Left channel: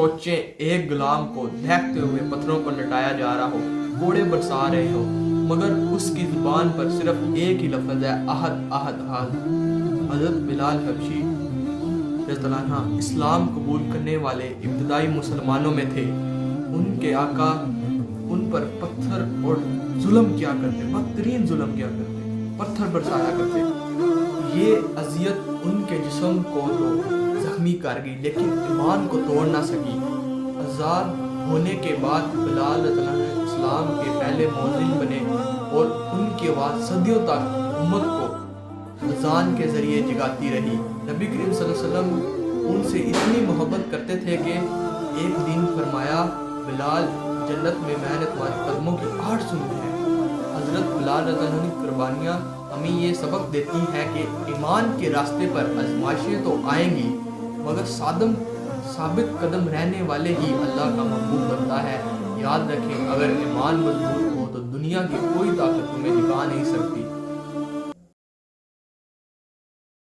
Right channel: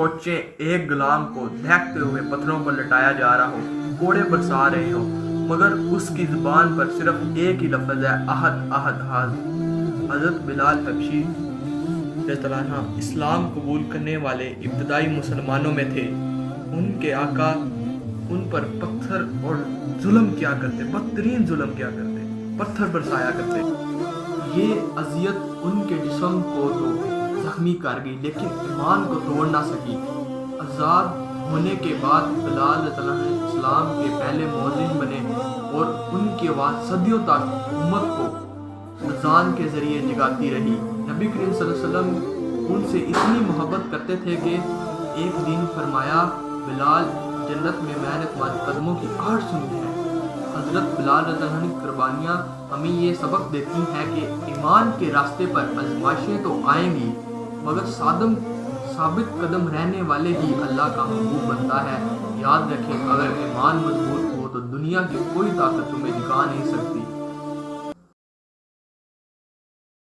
سوچیں ایک غلام کو دہتے ہوئے پتھروں پر لٹایا جا رہا ہو، کوڑے برسا رہے ہو، مگر اس کی زبان پر صرف ایک ہی لفظ ہے، احد احد احد۔ حضرت بلال حبشی رضی اللہ عنہ اسلام قبول کرنے والے ابتدائی مسلمانوں میں تھے۔ ان کے آقا ان پر پتھر اور ظلم کیا کرتے، بدترین ظلم کیا کرتے، پتھر برسایا کرتے۔ یہ اذیت ان کے جسم کو تو زخمی کر گئی لیکن ایمان کو توڑ نہ سکی۔ آزاد ہونے کے بعد بلال رضی اللہ عنہ اسلام کے پہلے مؤذن بنے اور ان کی آواز صدیوں تک امت کو اذان کے ذریعے جگاتی رہی۔ نبی کریم صلی اللہ علیہ وسلم ان سے اتنی محبت کرتے تھے کہ ایک دن فرمایا، بلال جنت میں میں نے تمہارے قدموں کی آہٹ سنی ہے۔ حضرت بلال رضی اللہ عنہ کی قربانیاں ہمیں یہ سبق دیتی ہیں کہ ایمان کے راستے پر آزمائشیں تو آئیں گی، مگر ثابت قدم رہنے والے ہی اللہ کا محبوب بنتا ہے۔ یاد رکھیں، اگر ایمان مضبوط ہو تو دنیا کی کوئی طاقت تمہیں جھکا نہیں سکتی۔